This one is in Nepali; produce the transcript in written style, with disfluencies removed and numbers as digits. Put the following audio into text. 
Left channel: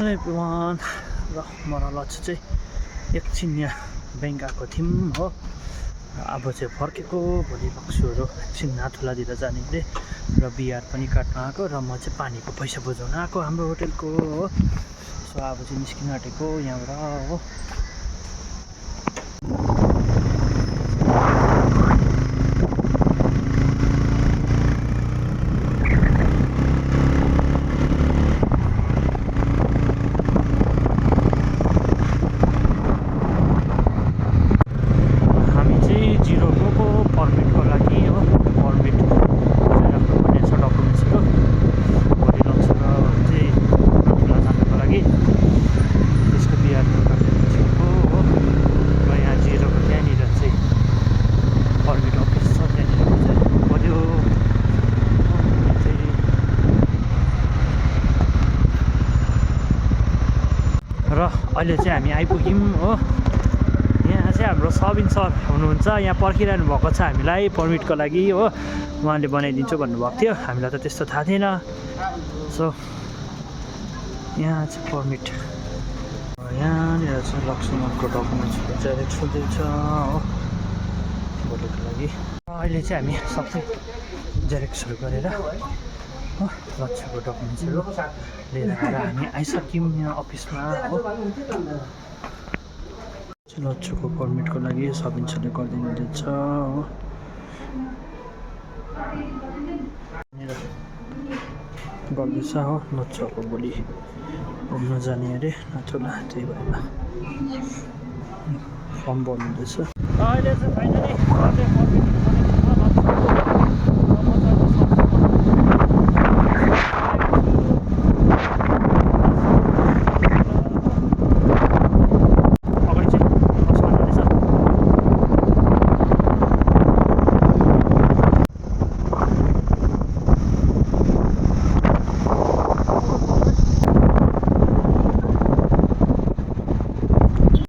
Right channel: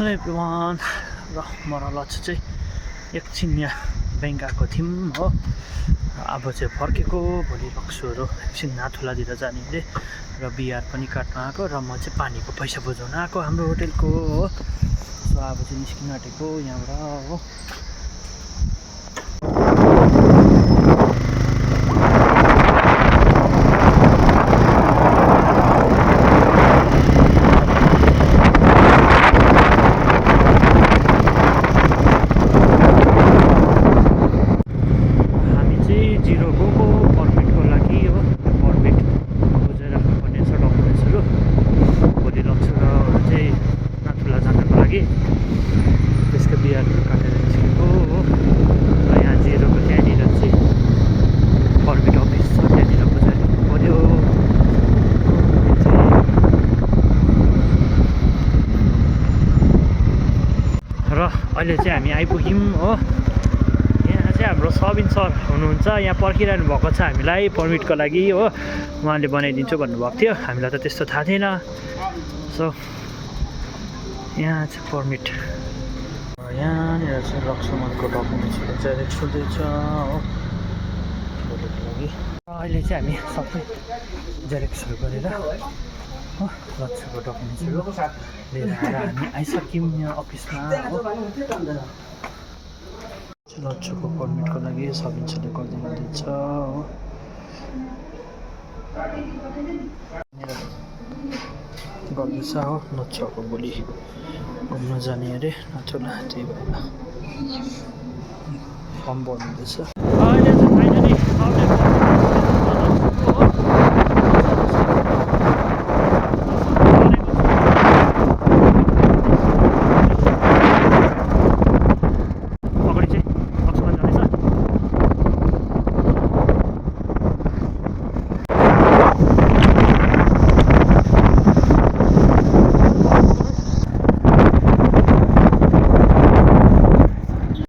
हेलो एभ्रिवान र म र लक्ष्य चाहिँ एकछिन यहाँ ब्याङ्क आएको थियौँ हो। अब चाहिँ फर्केको भोलि लक्ष्यहरू एकछिन नाथुलातिर जाने अरे र बिआर पनि काट्न आएको र म चाहिँ पानीको पैसा बुझाउन आएको हाम्रो होटेलको हो। सो अब चाहिँ निस्किन आँटेको यहाँबाट हो। पर्मिटको लागि हो, त्यो पर्मिट बुझाइ राख्नुपर्ने छ डकुमेन्ट्सहरू। भोलि लक्ष्यहरू चाहिँ नाथुला जानको लागि त्यसको बिआरहरू काटेर निस्केको हो। र यहाँ जिरोको त्यहाँनिर चाहिँ पर्मिट अफिस छ, त्यहाँनिर बुझाइदिनु पऱ्यो। र अहिले चाहिँ हामी आइपुग्यौँ हो। हाम्रो सबिन सर हुनुहुन्छ, यहाँ पर्खिरहनु भएको छ हामीलाई पर्मिटको लागि हो। उहाँले बनाइदिन्छु भन्नुभएको थियो, हामीलाई त त्यस्तो थाहा थिएन। सो यहाँ चाहिँ पर्मिट, यहाँनिर चाहिँ लक्ष्मणको डकुमेन्ट्सहरू जेरेक्स हुँदैछ हो भोलिको लागि। अहिले चाहिँ हामी सबै जेरेक्सहरू गरेर हो लक्ष्यको डकुमेन्ट्सहरू लिएर आएर हामी आइसक्यौँ यहाँ अफिसमा हो। लक्ष्यको पर्मिटको लागि सबिन सरले गरिदिनुहुँदैछ हो। गर्दैछ हो। लक्ष्यको भोलि घुम्न जाने अरे नाथुला, त्यही भएर फर्म भर्नुहुँदैछ। अहिले चाहिँ फाइनली